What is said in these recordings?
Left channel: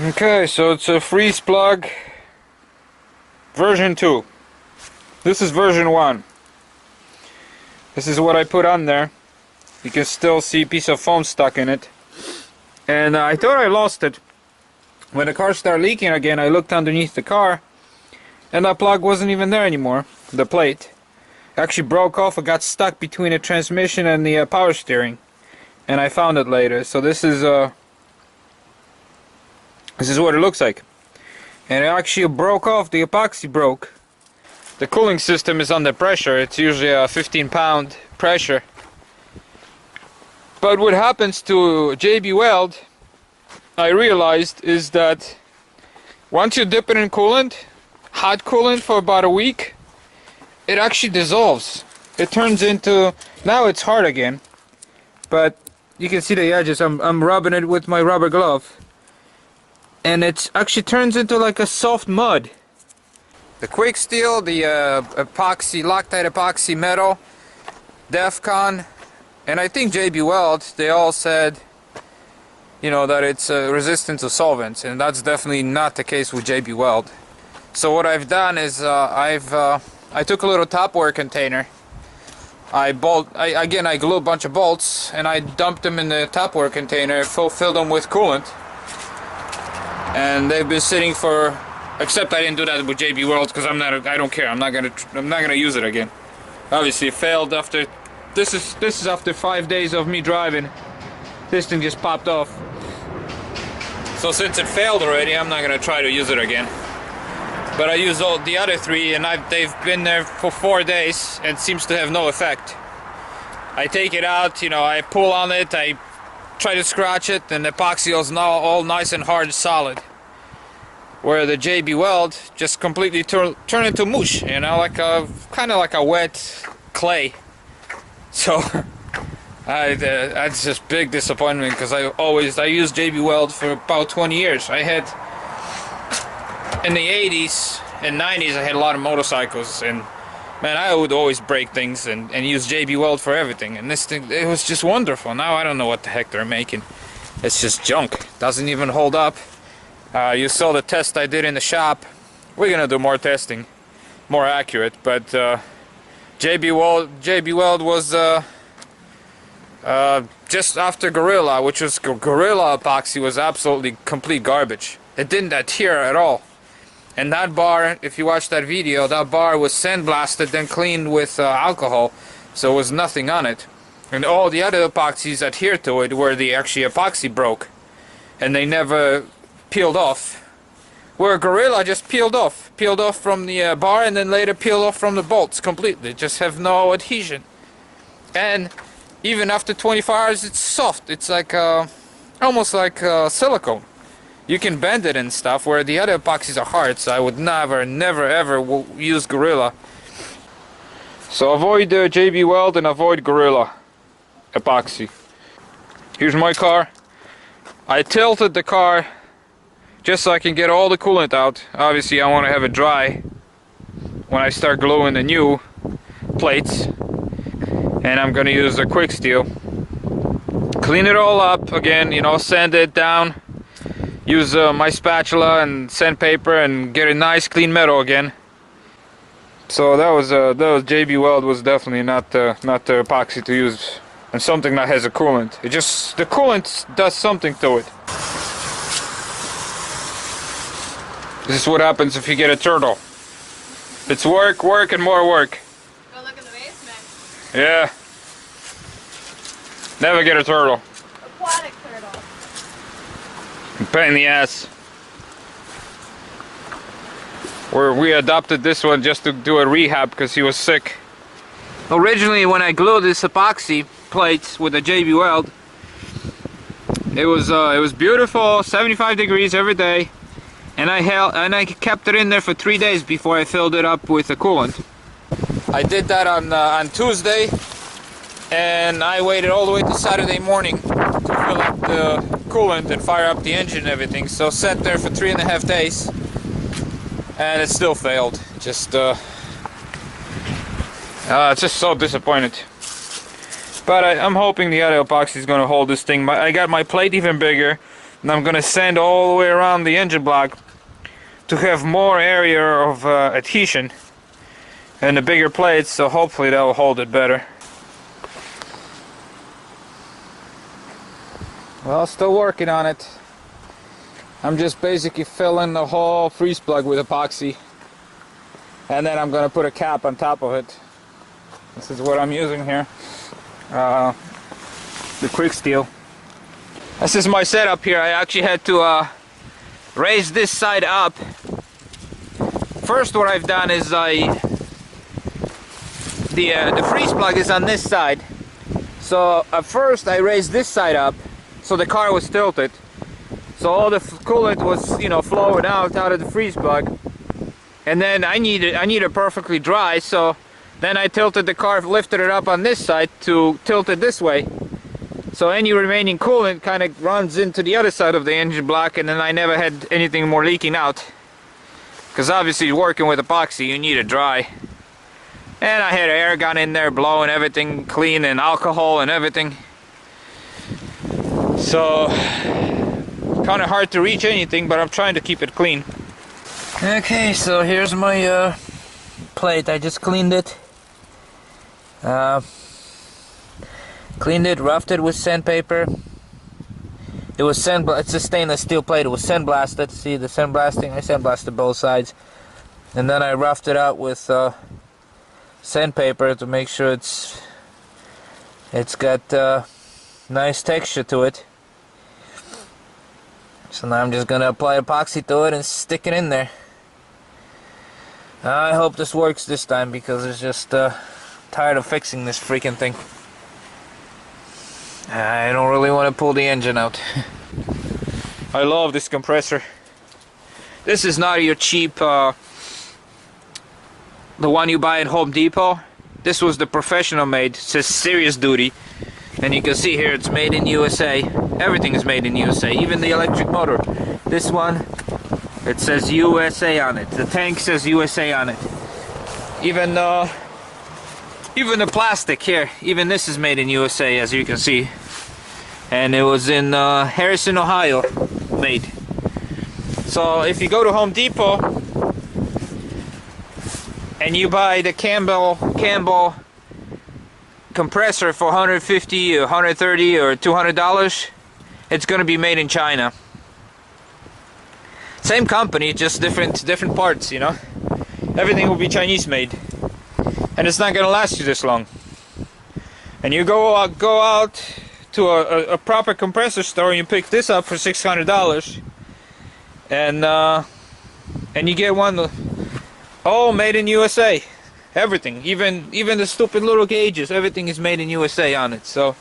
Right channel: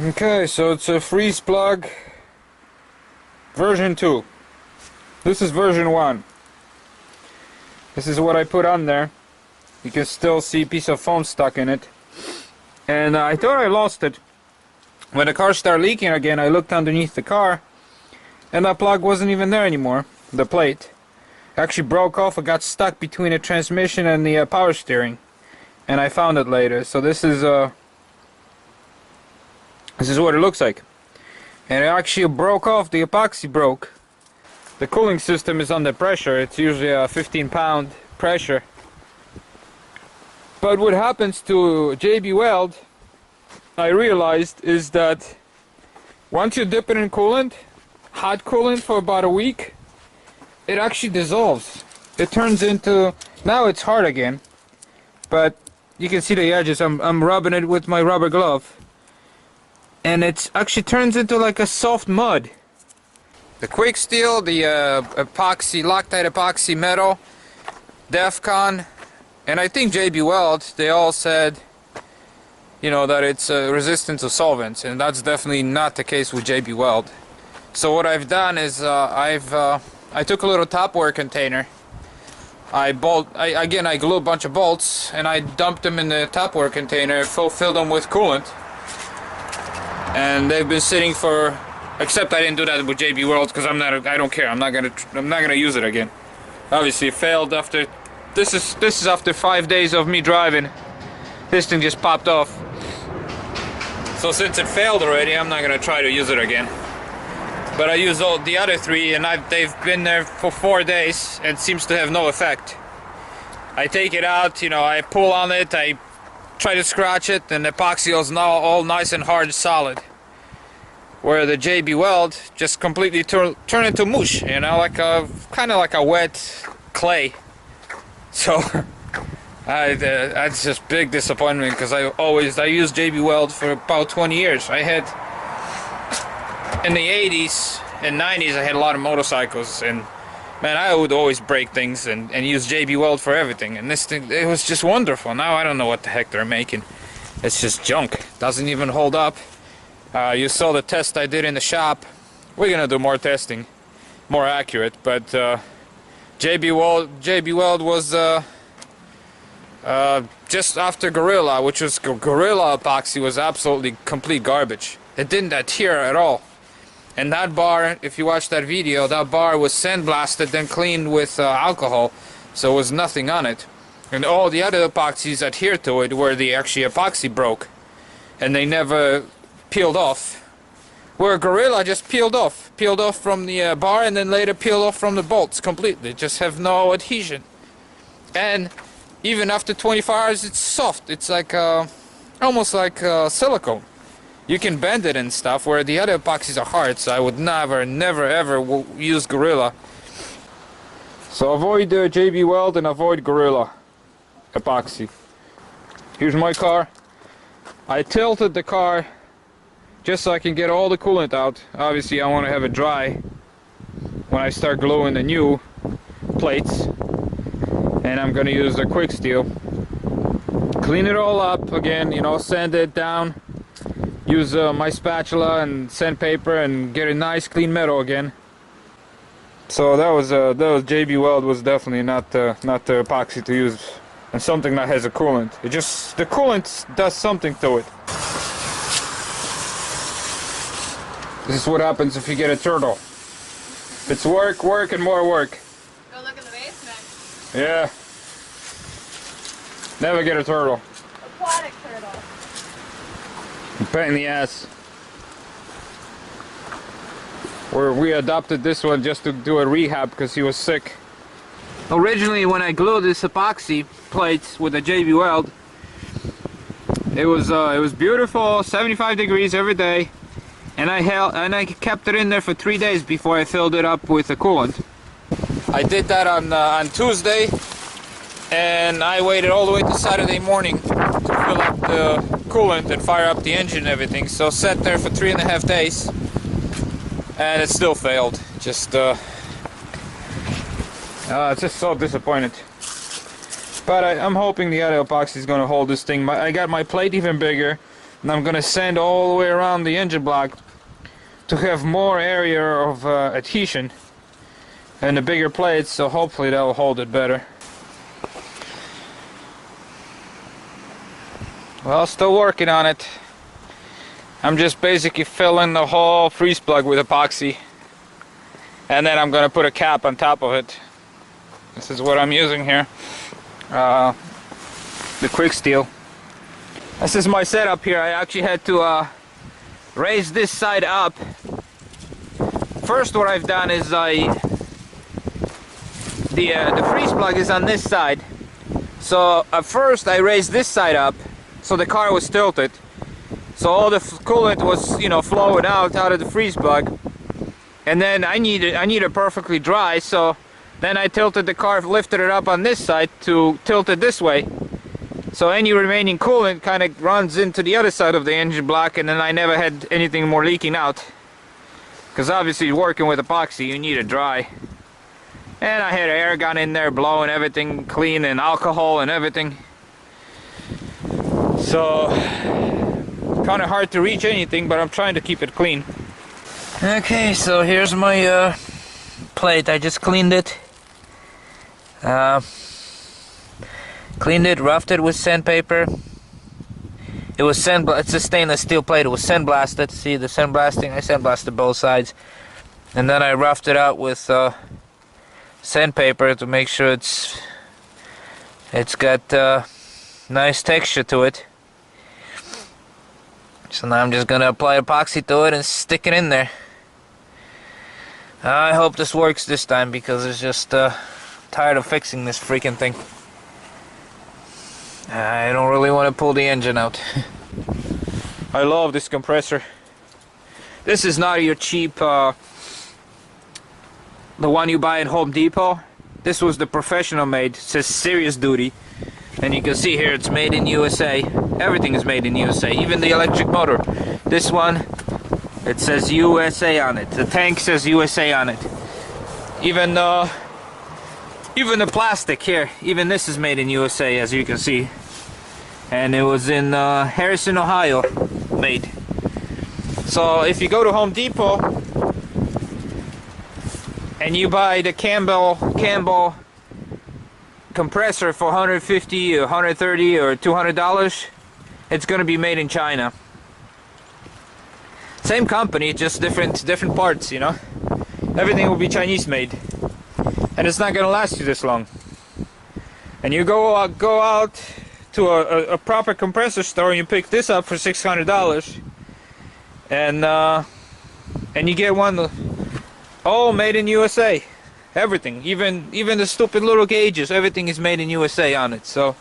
Okay, so it's a freeze plug version 2. This is version 1. This is what I put on there. You can still see a piece of foam stuck in it. And I thought I lost it. When the car started leaking again, I looked underneath the car and that plug wasn't even there anymore. The plate actually broke off and got stuck between the transmission and the power steering. And I found it later. So this is what it looks like. And it actually broke off, the epoxy broke. The cooling system is under pressure. It's usually a 15-pound pressure. But what happens to JB Weld, I realized, is that once you dip it in coolant, hot coolant for about a week, it actually dissolves. It turns into, now it's hard again, but you can see the edges. I'm rubbing it with my rubber glove. And it actually turns into like a soft mud. The quick steel, the epoxy, Loctite epoxy metal, Defcon, and I think JB Weld, they all said, you know, that it's resistant to solvents, and that's definitely not the case with JB Weld. So what I've done is I took a little Tupperware container. I glue a bunch of bolts and I dumped them in the Tupperware container, filled them with coolant, and they've been sitting for. Except I didn't do that with JB Weld because I don't care. I'm not gonna use it again. Obviously, it failed after. This is after 5 days of me driving. This thing just popped off. So since it failed already, I'm not gonna try to use it again. But I used all the other three, and they've been there for 4 days, and seems to have no effect. I take it out, you know, I pull on it, I try to scratch it, and the epoxy is now all nice and hard, solid. Where the JB Weld just completely turn into mush, you know, like kind of like a wet clay. So that's just big disappointment because I used JB Weld for about 20 years. I had in the 80s and 90s I had a lot of motorcycles, and man, I would always break things and use JB Weld for everything. And this thing, it was just wonderful. Now I don't know what the heck they're making. It's just junk. Doesn't even hold up. You saw the test I did in the shop. We're gonna do more testing, more accurate. But JB Weld was just after Gorilla, which was Gorilla epoxy, was absolutely complete garbage. It didn't adhere at all. And that bar, if you watch that video, that bar was sandblasted, then cleaned with alcohol, so there was nothing on it. And all the other epoxies adhered to it, where the actually epoxy broke, and they never peeled off. Where Gorilla just peeled off from the bar, and then later peeled off from the bolts completely. Just have no adhesion. And even after 24 hours, it's soft. It's like almost like silicone. You can bend it and stuff, where the other epoxies are hard. So I would never ever use Gorilla. So avoid JB Weld and avoid Gorilla epoxy. Here's my car. I tilted the car just so I can get all the coolant out. Obviously I want to have it dry when I start gluing the new plates, and I'm gonna use a quick steel. Clean it all up again, you know, sand it down, use my spatula and sandpaper and get a nice clean metal again. So that was JB Weld was definitely not the epoxy to use, and something that has a coolant. It just, the coolant does something to it. This is what happens if you get a turtle. It's work, and more work. Go look in the basement. Yeah. Never get a turtle. Aquatic turtle. Pain in the ass. We adopted this one just to do a rehab because he was sick. Originally, when I glued this epoxy plates with the JB Weld, it was beautiful, 75 degrees every day. And I kept it in there for 3 days before I filled it up with the coolant. I did that on Tuesday, and I waited all the way to Saturday morning to fill up the coolant and fire up the engine and everything. So sat there for 3.5 days, and it still failed. Just so disappointed. But I'm hoping the other epoxy is going to hold this thing. I got my plate even bigger, and I'm gonna sand all the way around the engine block to have more area of adhesion and the bigger plates, so hopefully that will hold it better. Well, still working on it. I'm just basically filling the whole freeze plug with epoxy, and then I'm gonna put a cap on top of it. This is what I'm using here, the quick steel. This is my setup here. I actually had to raise this side up. First, what I've done is the freeze plug is on this side, so at first I raised this side up so the car was tilted, so all the coolant was, you know, flowing out of the freeze plug, and then I need it perfectly dry, so then I tilted the car, lifted it up on this side to tilt it this way, so any remaining coolant kind of runs into the other side of the engine block, and then I never had anything more leaking out, because obviously working with epoxy you need it dry. And I had an air gun in there blowing everything clean, and alcohol and everything, so kind of hard to reach anything, but I'm trying to keep it clean. Okay, so here's my plate. I just cleaned it. Roughed it with sandpaper. It was it's a stainless steel plate. It was sandblasted. See the sandblasting? I sandblasted both sides, and then I roughed it out with sandpaper to make sure it's got nice texture to it. So now I'm just gonna apply epoxy to it and stick it in there. I hope this works this time, because it's just tired of fixing this freaking thing. I don't really want to pull the engine out. I love this compressor. This is not your cheap the one you buy at Home Depot. This was the professional made. It says serious duty, and you can see here it's made in USA. Everything is made in USA, even the electric motor. This one, it says USA on it. The tank says USA on it. Even the plastic here, even this is made in USA, as you can see. And it was in Harrison, Ohio, made. So if you go to Home Depot and you buy the Campbell compressor for $150 or $130 or $200, it's gonna be made in China. Same company, just different parts, you know. Everything will be Chinese made, and it's not gonna last you this long. And you go out to a proper compressor store and you pick this up for $600, and you get one all made in USA. Everything, even the stupid little gauges, everything is made in USA on it. So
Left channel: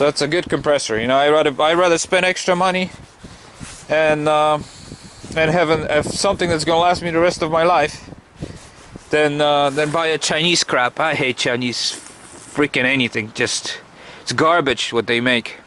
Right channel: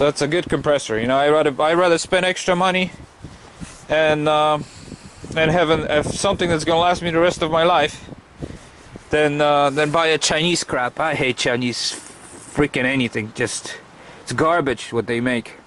it's a good compressor, you know. I rather spend extra money and have something that's gonna last me the rest of my life than buy a Chinese crap. I hate Chinese freaking anything. Just, it's garbage what they make.